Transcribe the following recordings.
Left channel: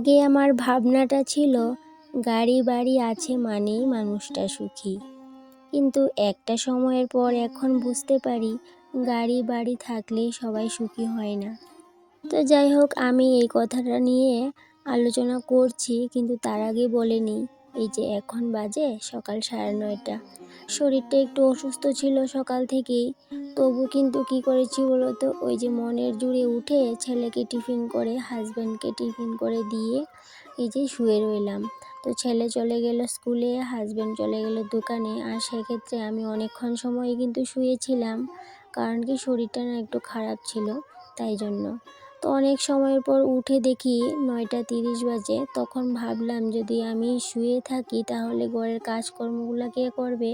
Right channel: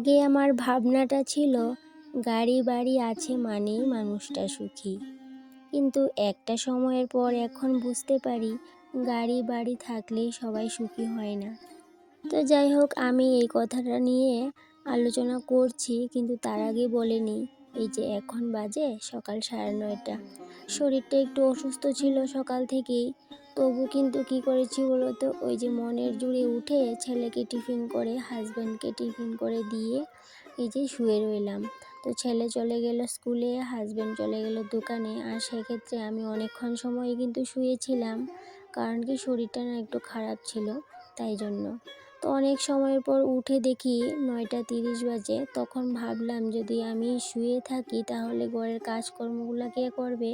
আগে আমার ভাবনাটা ছিল, গাড়ি বাড়ি আছে মানেই মানুষটা সুখী। কিন্তু একটা সময়ের পর এখন বুঝতে পারি, গাড়ি বাড়ি থাকলেই সবাই সুখী হয় না। তো যাই হোক, আমি এই কথাটা নিয়ে আলোচনা করছি, কিন্তু তার আগে বলে নিই, এই যে এখন বাজে সকাল সাড়ে নয়টা। শরীরটা একটু অসুস্থ ছিল সকাল থেকেই। তবু কিন্তু কি করেছি বলতো ওই যে মনের জুড়ে উঠে ছেলেকে টিফিন করে হাজব্যান্ডকে টিফিন করে দিয়ে এই যে শুয়ে রইলাম। তো ছেলে চলে গেল স্কুলে হাজব্যান্ড চলে গেল দোকানে। আর সেক্ষেত্রে আমি অনেকক্ষণ সময় কিন্তু শুয়েছিলাম, কারণ কি শরীরটা না একটু খারাপ ছিল, তাই জন্য। তো অনেক সময়ের পর উঠে দেখি নয়টা তিরিশ বাজে। তখন ভাবলাম যদি আমি শুয়ে থাকি তাহলে ঘরের কাজকর্মগুলো কে করবে?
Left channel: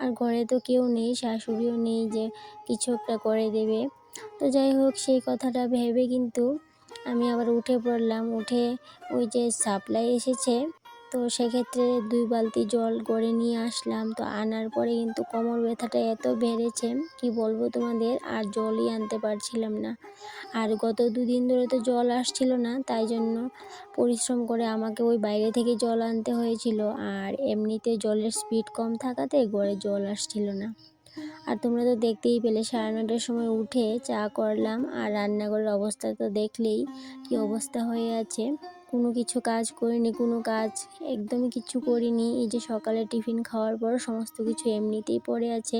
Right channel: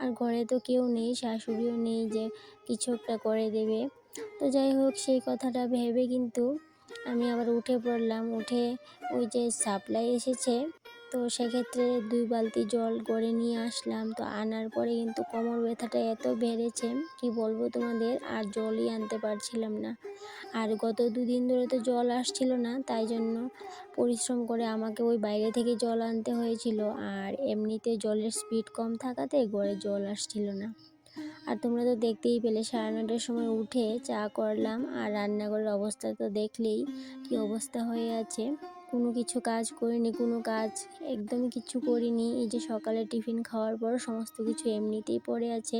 আর ঘরে তো কেউ নেই, শাশুড়িও নেই যে কিছু একটা করে দেবে। তো যাই হোক, সেই কথাটা ভেবে কিন্তু আমি আবার উঠে পড়লাম। উঠে ওই যে সাপ্লাই এসেছে তো সেক্ষেত্রে দুই বালতি জল গড়ে নিয়ে আসলাম। তো আনার পরে কিন্তু কোমর ব্যথাটা এত বেড়েছে, কি বলব তোমাদের? আর জলই আনতে পারছিলাম না। আর গত দুদিন ধরে তো জল আসছিল না, তাই জন্য পরিশ্রম করে আমাকে ওই বাইরে থেকে জল আনতে হয়েছিল। আর এমনিতে জলের স্পিড কম থাকাতে গড়ে জল আসছিল না। আর তোমরা তো দেখতেই পেলে, সাড়ে নটার সময় উঠে চা করলাম। আর রান্নাঘরের অবস্থা তো দেখলেই কি অবস্থা হয়ে আছে। কোনো কিছু কাজ করিনি কোনো কাজ একদমই কিছু করিনি। এই যে সকালে টিফিন খাওয়ার পর সমস্ত কিছু এমনিতেই পড়ে আছে।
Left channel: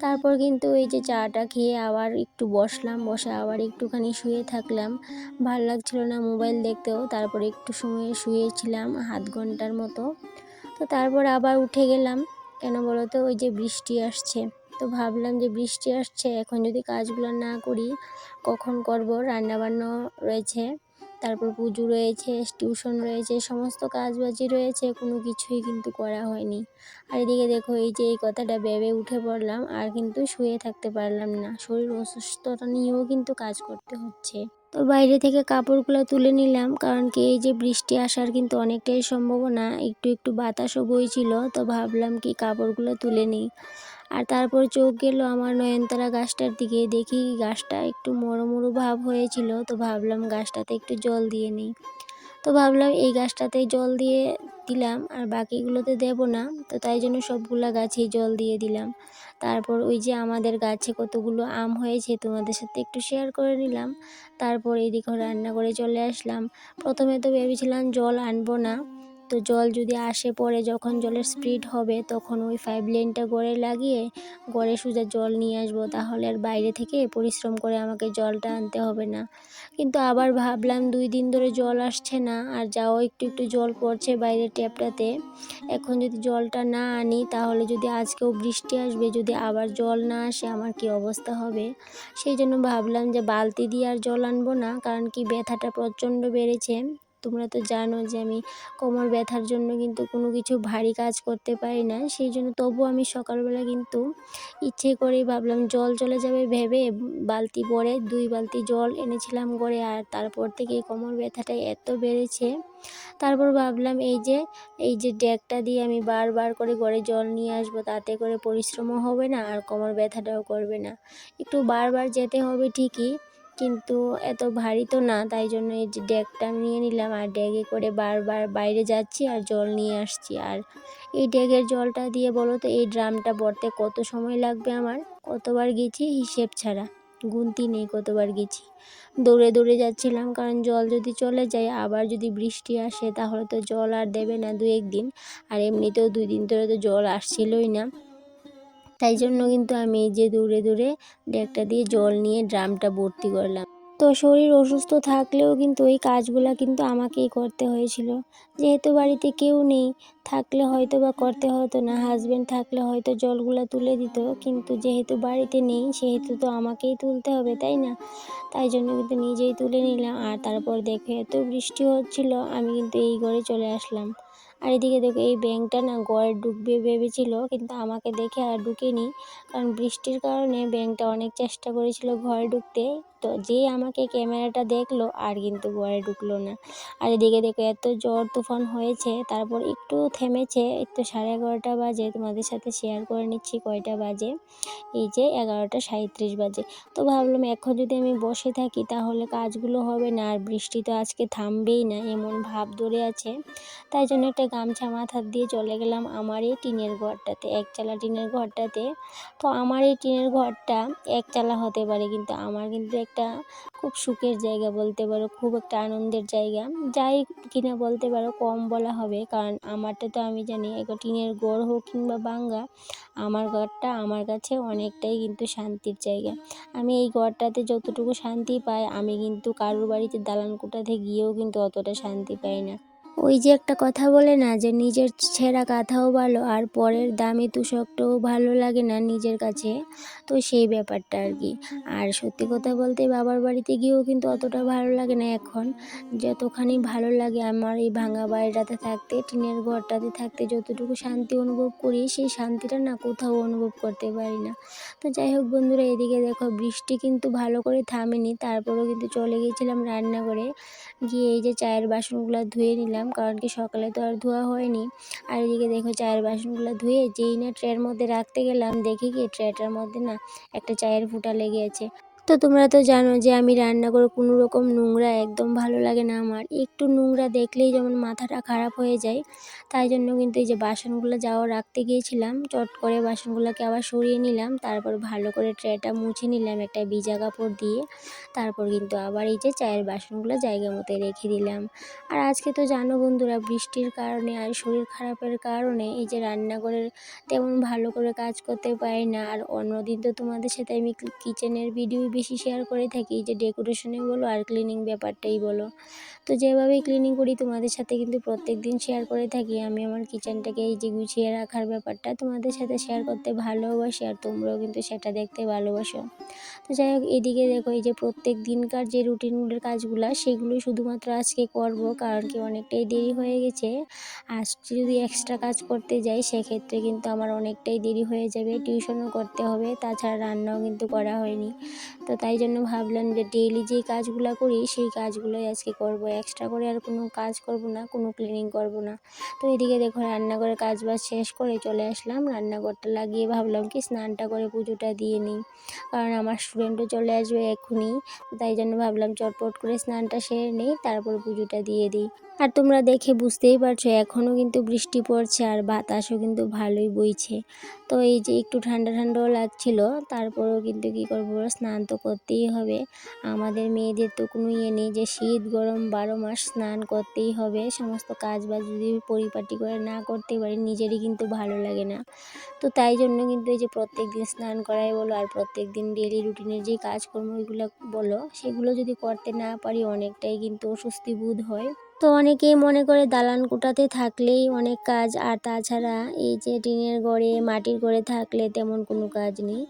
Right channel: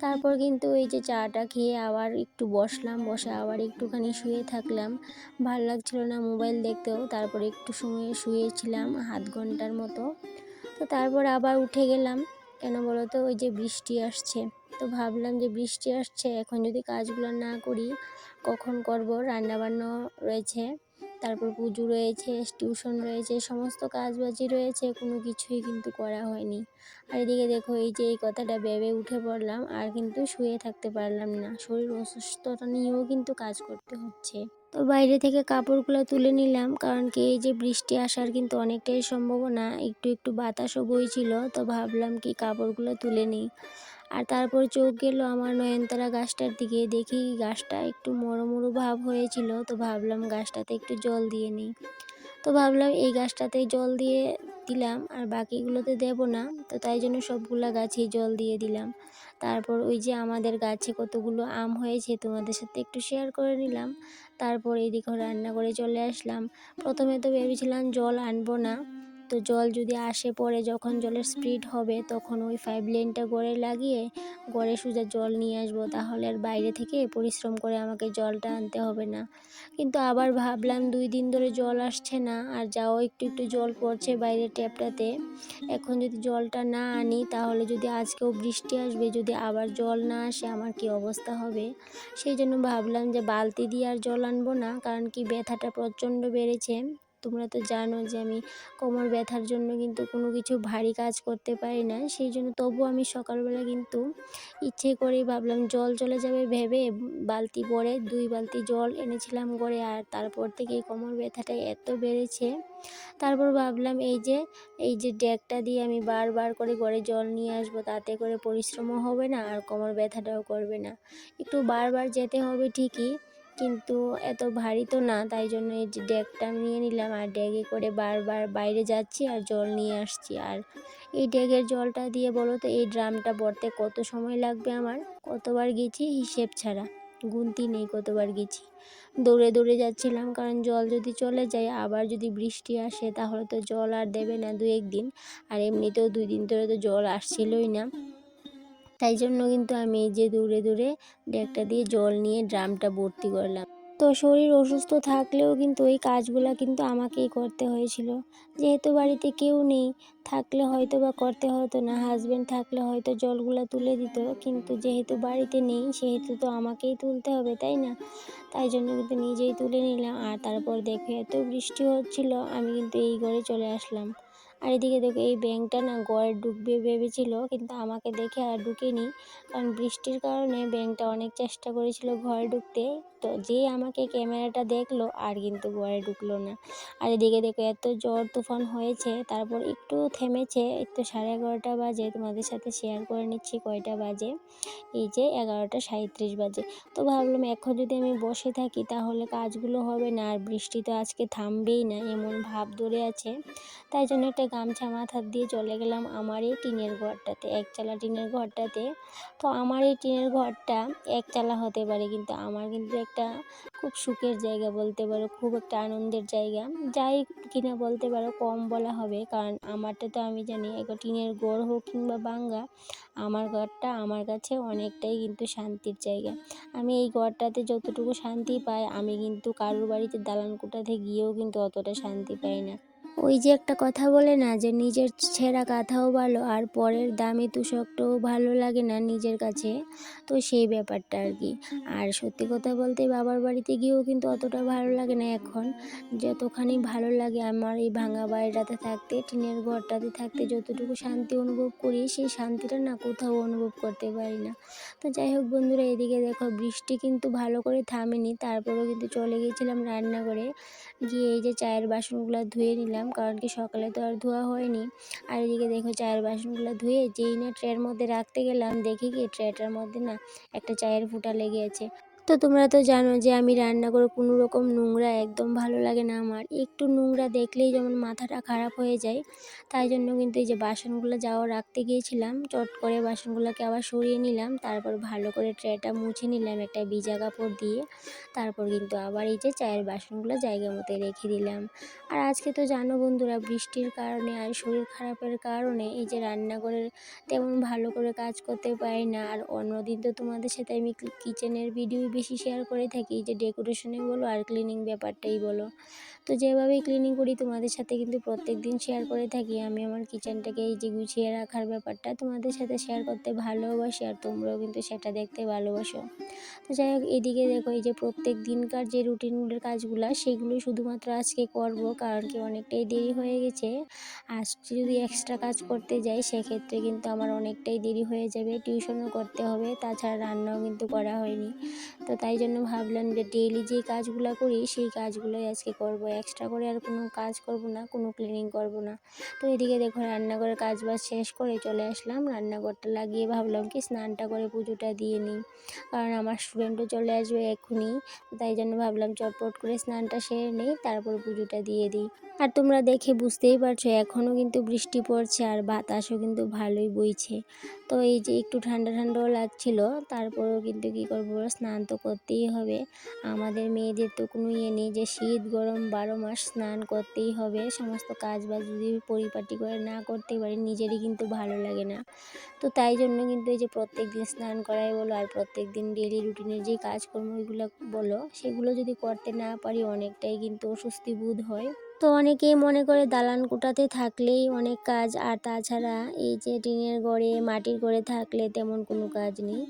তারপর কিন্তু এই যে চাটা খেয়ে আবার একটু বসলাম বসে আবার একটুখানি শুয়ে থাকলাম। ভালো লাগছিল না মোবাইল দেখতেও তারপর একটু সময় শুয়েছিলাম হাত ঘণ্টার মতো। তো তারপর আবার উঠে গেলাম। কেন বলো তো? ওই যে বৃষ্টি আসছে। তো ভাবলাম যে বৃষ্টি আসছে এখন যদি কাজগুলো না করি কখন করব? রান্নাবান্না রয়েছে। তারপর পুজো রয়েছে টিউশন রয়েছে, সমস্ত কাজবাজি রয়েছে, কোনো কিছুই কিন্তু করা হয়নি। আর এদিকে দেখো, এই যে এই কথাটা ভেবে উঠে পড়লাম, আর কিন্তু শুয়ে থাকতে পারলাম না। শরীর অসুস্থতা নিয়েও কিন্তু কাজ করতে হচ্ছে। তো বাইরে থেকে কাপড়গুলো তুলে নিলাম, কারণ কি এই যে বৃষ্টি আসার কিন্তু অনেকটাই সম্ভাবনা, একটু একটু বাতাসও বইছিল, তো ভাবলাম কি কাপড়গুলো তুলে নিই। আর তারপর চোখ গেল আমার নয়নতারা গাছটার দিকে। দেখি গাছটা একটু মরো মরো ভাব হয়েছিল, তো ভাবলাম গাছটাতে একটু জল দিয়ে নিই। তো ভাবলাম এই গাছটাতেই জল দিয়ে দিলাম, আর বাকিগুলোতে দেব না, তো তাই জন্য সবগুলা গাছেই জল দিয়ে দিলাম। তারপর ওই যে আমাদের গাছে কতগুলো আম হয়েছে, তোমাদের সাথে একটু শেয়ার করে নিলাম। তারপর এদিকে রান্না করে চলে আসলাম। প্রথমে তো ভেবেছিলাম জল আনব না তো জল যদি আসে পরে যখন জলের স্পিড হবে, তখন ওই পাইপ লাইনটা গড়ে লাগিয়ে, গড়ে সোজা জল নিয়ে আসব। তাহলে আর বাইরে থেকে পরিশ্রম করে আমাকে জলটা আনতে হবে না। কিন্তু আবার ভাবলাম দুই দিন ধরে জল আসছে না, আর যাও একটু একটু জল পড়ছে বাইরের ট্যাপটাতে। এখন যদি জলটা না আনি, তাহলে যদি আজকেও বৃষ্টি আসবে, যদি আবার জল না আসে, আমার কি অবস্থা হবে? সেই জন্য ভাবলাম যে বালতি দিয়ে আর জল আনব না, কারণ কি ব্যথাটা প্রচণ্ড বেড়েছে। তোমরা তো জানো যে আমি কোমর ব্যথার জন্য কিন্তু কোনো কিছু ভারী কাজ করতে পারি না। সেই জন্য তবু আমি সকালবেলা কিন্তু ইচ্ছে করেই ভাবলাম জল চলে যাবে ভেবে বালতি ভরে দুই বালতি জল এনেছিলাম করে আর তারপর থেকে কোমর ব্যথাটা এত বেড়েছে। তারপর ভাবলাম এই যে এই যে ড্যাগটা দিয়ে আমি বারবার করে ঘরে জল নিয়ে আসব তাতে করে পরিশ্রমও হবে না আর কোমর ব্যথাটাও করবে না। একটু বারবার যেতে হবে ঠিকই কিন্তু এত ভারী তো না, তাই জন্য এই যে ড্যাগটা নিয়ে নিলাম আর ড্যাগে করে বারবার বাইরে যাচ্ছি আর জল নিয়ে আসছি। আর এই ড্যাগের জলটা দিয়ে বলো তো, এই ড্রামটা ভরতে কত সময় লাগবে আমার? কতবার গেছি? হিসেব ছাড়া। গুনতি নেই কতবার গেছি। দৌড়ে দৌড়ে যাচ্ছিলাম, কারণ জল যদি চলে যায়, আবার যদি বৃষ্টি আসে, তাহলে তো জল আর দেবে না দু একদিন। আর এমনিতেও দুই দিন ধরে তো জল আসছিলই না। তাই জন্য কিন্তু আমি এই যে দূরে দূরে ডেকটা দিয়ে জল নিয়ে ড্রামটা ভর্তি করলাম। তো শরীর অসুস্থ থাকলেও কিন্তু এই কাজগুলো কিন্তু আমাকেই করতে হয়েছিল। যেহেতু বাড়িতে কেউ নেই, থাকলে হয়তো বা করতে হতো না হাজব্যান্ড থাকলে হয়তো জলগুলো তুলে দিত, কিন্তু যেহেতু বাড়িতে নেই, সেহেতু তো আমাকেই তুলতে হবে, তাই না? তাই জন্য কিন্তু নিজেই তুলে নিলাম। আর তারপর দেখে, এত বৃষ্টি হচ্ছিল, আমি কিন্তু এই ঘরে চলে আসলাম। আর এদিকে দেখো, এই ব্যাংকটা না গড়ে ডুববে ভেবেছিল, কিন্তু আমাকে দেখে আর ঢুকিনি। কারণ বৃষ্টির কারণে ব্যাংকটা অনেক চেষ্টা করেছিল ঘরে ঢুকতে। তো যেই আমাকে ক্যামেরাটা দেখল আর কিন্তু ঘরে ঢুকলো না। আর এদিকে দেখো এত জ্বর তুফান হয়েছে, তারপর একটু থেমেছে, একটু সাড়ে এগারোটা বাজে। তোমাদের সাথে শেয়ার করে নিচ্ছি কয়টা বাজে? এই যে এগারোটা সাঁত্রিশ বাজে। তো ভাবলাম এখন যদি আমি বসে থাকি তাহলে কাজগুলো হবে না, আর বৃষ্টি তো আজকে থামবেই না, এমন ভাব ধরে আছে। তাই জন্য একটা গামছা মাথার দিয়ে চলে গেলাম আমার এই টিনের ঘরটাতে একচালা টিনের ঘরটাতে। তো আমার এই টিনের ঘরটা একচালা হতে পারে, কিন্তু আমার কিন্তু একটা খুব সুখের জায়গা বলতে পারো, খুব একটা আনন্দের জায়গা। যাই কিনা বলতে পারো, কম বলা হবে। কারণ আমারটা তো আমি জানি একটা টিনের গড় হোক কিংবা বাঙ্গা, আমার ঘরটা আমার কাছে অনেকটাই কিন্তু শান্তির জায়গা। আমি এই ঘরটাতে যতটুকু শান্তি পাই, আমি কিন্তু কারোর বাড়িতে দালান কোঠাতে গিয়েও কিন্তু অতটা শান্তি পাই না। ওই যে একটা কথা বলে না যে নিজের ছেঁড়া কাঁথাও ভালো আর পরের দামি তুষকটাও ভালো লাগে না নিজের কাছে? তো সেই ব্যাপারটা আর কি। আর সত্যি কথা বলতে বাবার বাড়িতে গিয়েও কিন্তু অতটা ভালো লাগে না এখন। যতখানি ভালো লাগে আমার এই ভাঙা বাড়িটাতে থাকতে, টিনের ঘরটাতে থাকতে যতটুকু শান্তি অনুভব করি, সেই শান্তিটা না কোথাও অনুভব করতে পারি না। তো যাই হোক বন্ধুরা, এদিকে দেখো বৃষ্টি কিন্তু ভালো করে থামেনি। তারপরেও কিন্তু চলে গিয়েছিলাম রান্নাঘরে। গিয়ে এই যে চায়ের বাসনগুলো ধুয়ে নিলাম। কারণ কি সকালে তো আর ধোয়া হয়নি। আর এদিকে দেখো চায়ের বাসনগুলো ধুয়ে যেই না ট্রের মধ্যে রাখতে গেলাম, দেখি কি ট্রেটার মধ্যে না একটা চায়ের ফুটা লেগে আছে। তো তোমরা তো জানো যে আমি রান্না করে কোনো রকম নোংরা একদম ভালো লাগে না আমার। একটু নোংরা দেখলেই যেমন মাথাটা খারাপ হয়ে যায়, তাই জন্য কিন্তু এই যে বাসনগুলো যাওয়া রাখতে গিয়েছিলাম, চট করে বাসনগুলোকে আবার সরিয়ে নিলাম, তারপর ভালো করে ট্রেটা মুছে নিলাম একটা ভিজা কাপড় দিয়ে, তারপর কিন্তু আবার এই যে চায়ের বাসনগুলো জায়গা মতো রেখে দিলাম। আর আজকে তো জানো বন্ধুরা, বৃষ্টির কারণে আর শরীর খারাপের কারণে এই যে রান্নাঘরের তেমন ভালো করে কাজ করতে পারি না। আর অন্যদিন তো তোমাদের সাথে আমি কিচেনের ভিডিও বেশি শেয়ার করে থাকি যে ডেকোরেশনে বলো আর ক্লিনিং ব্যাপারটাই বলো তো যেভাবেই ক্লিনিং করি, তোমাদের সাথে কিন্তু প্রত্যেক দিন শেয়ার করে থাকি। আমি আমার কিচেনটাকে এই যে গুছিয়ে রাখার ব্যাপারটা তোমাদের সাথে শেয়ার করতে ভালোবাসি আর তোমরাও কিন্তু সেটা দেখতে ভালোবাসো। তো যাই হোক, এদিকে দেখো, এই যে প্রত্যেক দিনকার যে রুটিনগুলোর কাজগুলো, সেগুলো শুধুমাত্র আজকে করব কারণ কি অনেকটাই দেরি হয়ে গেছে। আজকে যদি এক্সট্রা কাজ করতে যাই, সেক্ষেত্রে কিন্তু আমার অনেকটাই দেরি হয়ে যাবে। টিউশনও করতে হবে, তাছাড়া রান্নাও কিন্তু করা হয়নি। তো তাই জন্য ভাবলাম যে ডেইলি যেই কাজগুলো করি, সেই কাজগুলোই আজকে করব এক্সট্রা করে আর কোনো কাজ করব না, কোনো ক্লিনিং করব না। তো এদিকে দেখো রান্নাঘরের কাজ বাজ শেষ করে চলে আসলাম। রান্নাঘরটা লাগিয়ে ভাবলাম কি স্নানটা করে পুজোটা দিয়ে নিই। কারণ আমার স্টুডেন্টও চলে আসবে এক্ষুনি তাই জন্য ভাবলাম চটপট করে স্নানটা সেরে নিই, তারপর পুজোটা দিয়ে দিই। আর তোমরা দেখে বুঝতেই পারছ, এখনও কিন্তু বৃষ্টি পড়ছে আর বাতাসও কিন্তু ভালোই বইছে। তো এই যে একটু ঠান্ডা ঠান্ডাও লাগছিল, তারপরেও কিন্তু কী করব, স্নান তো করতেই হবে। আমাদের মেয়েদের তো কোনো ইয়ে নেই যে শীত, গরম বারো মাস স্নান করতেই হবে। সমস্ত কাজ বাজ যদি পরিপাটি করে না করতে পারি, নিজেরই কিন্তু ভালো লাগে না। তো তাই জন্য কিন্তু এই যে প্রত্যেক দিন স্নান করাই বলো, আর প্রত্যেক দিন ডেলি রুটিনের যে কাজকর্ম ওইগুলো বলো, সেগুলো যদি করতে না পারি, অনেকটাই কিন্তু অস্বস্তি বোধ হয়। তো অনেকেই মনে করে দালান কুটাতে থাকলেই অনেক কাজ, আর তাছাড়া এই যে টিনের গড়ে, মাটির গড়ে থাকলে তেমন কোনো কাজ নেই।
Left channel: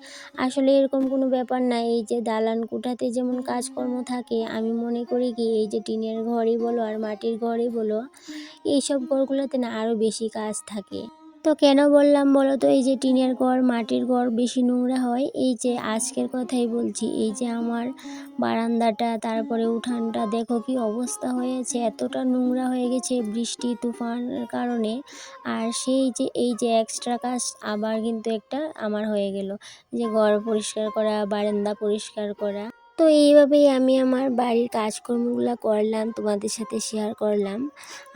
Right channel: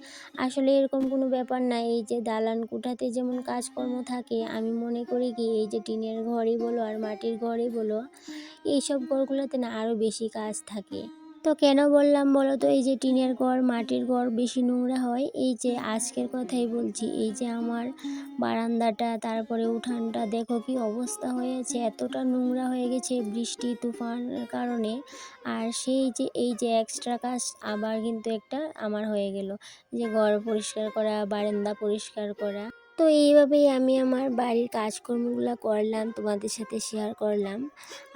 আসলে এরকম কোনো ব্যাপার না, এই যে দালান কুটাতে যেমন কাজকর্ম থাকে, আমি মনে করি কি এই যে টিনের ঘরই বলো আর মাটির ঘরই বলো, এইসব ঘরগুলোতে না আরও বেশি কাজ থাকে। তো কেন বললাম বলো তো এই যে টিনের ঘর, মাটির ঘর বেশি নোংরা হয়। এই যে আজকের কথাই বলছি, এই যে আমার বারান্দাটা, তারপরে উঠানটা, দেখো কি অবস্থা হয়েছে। এতটা নোংরা হয়ে গেছে বৃষ্টি, তুফানের কারণে। আর সেই যে, এই যে এক্সট্রা কাজ আবার কিন্তু একটা আমার হয়ে গেল। যে ঘর পরিষ্কার করা, বারান্দা পরিষ্কার করা। তো এইভাবেই আমি আমার বাড়ির কাজকর্মগুলো করলাম, তোমাদের সাথে শেয়ার করলাম।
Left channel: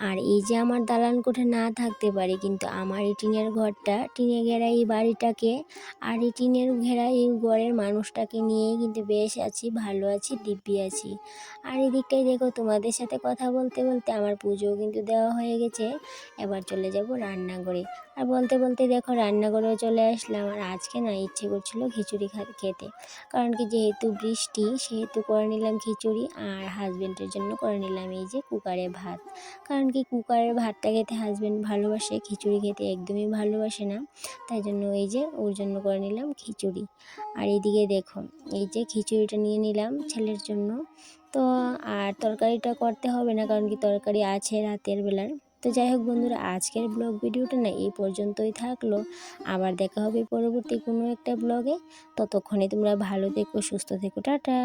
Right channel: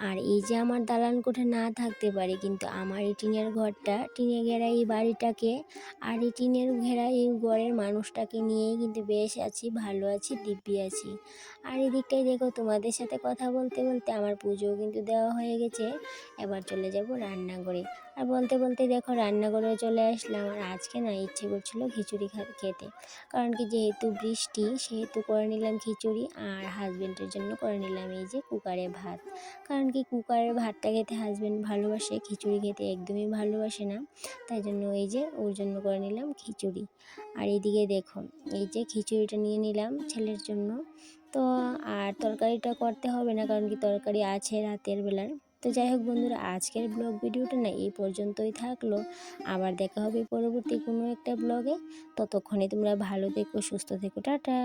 আর এই যে আমার দালান কোঠে না থাকতে পারে, কিন্তু আমার এই টিনের ঘরটা, টিনে ঘেরা এই বাড়িটাকে আর এই টিনের ঘেরা এই ঘরের মানুষটাকে নিয়েই কিন্তু বেশ আছি, ভালো আছি, দিব্যি আছি। আর এদিকটাই দেখো, তোমাদের সাথে কথা বলতে বলতে আমার পুজোও কিন্তু দেওয়া হয়ে গেছে। এবার চলে যাব রান্নাঘরে। আর বলতে বলতে দেখো রান্নাঘরেও চলে আসলাম। আর আজকে না ইচ্ছে করছিল খিচুড়ি খেতে। কারণ কি যেহেতু বৃষ্টি, সেহেতু করে নিলাম খিচুড়ি আর হাজব্যান্ডের জন্য করে নিলাম এই যে কুকারে ভাত। কারণ কি কুকারের ভাতটা খেতে হাজব্যান্ড ভালোবাসে, খিচুড়ি খেতে একদমই ভালোবাসে না। তাই জন্য এই যে ওর জন্য করে নিলাম খিচুড়ি। আর এইদিকে দেখো, এই যে খিচুড়িটা নিয়ে নিলাম ছেলের জন্য। তো আর তরকারিটা করতে হবে না, কারণ কি তরকারি আছে রাতের বেলার। তো যাই হোক বন্ধুরা, আজকের ব্লগ ভিডিওটা না এই পর্যন্তই থাকল। আবার দেখা হবে পরবর্তী কোনো একটা ব্লগে ততক্ষণে তোমরা ভালো থেকো, সুস্থ থেকো, টাটা।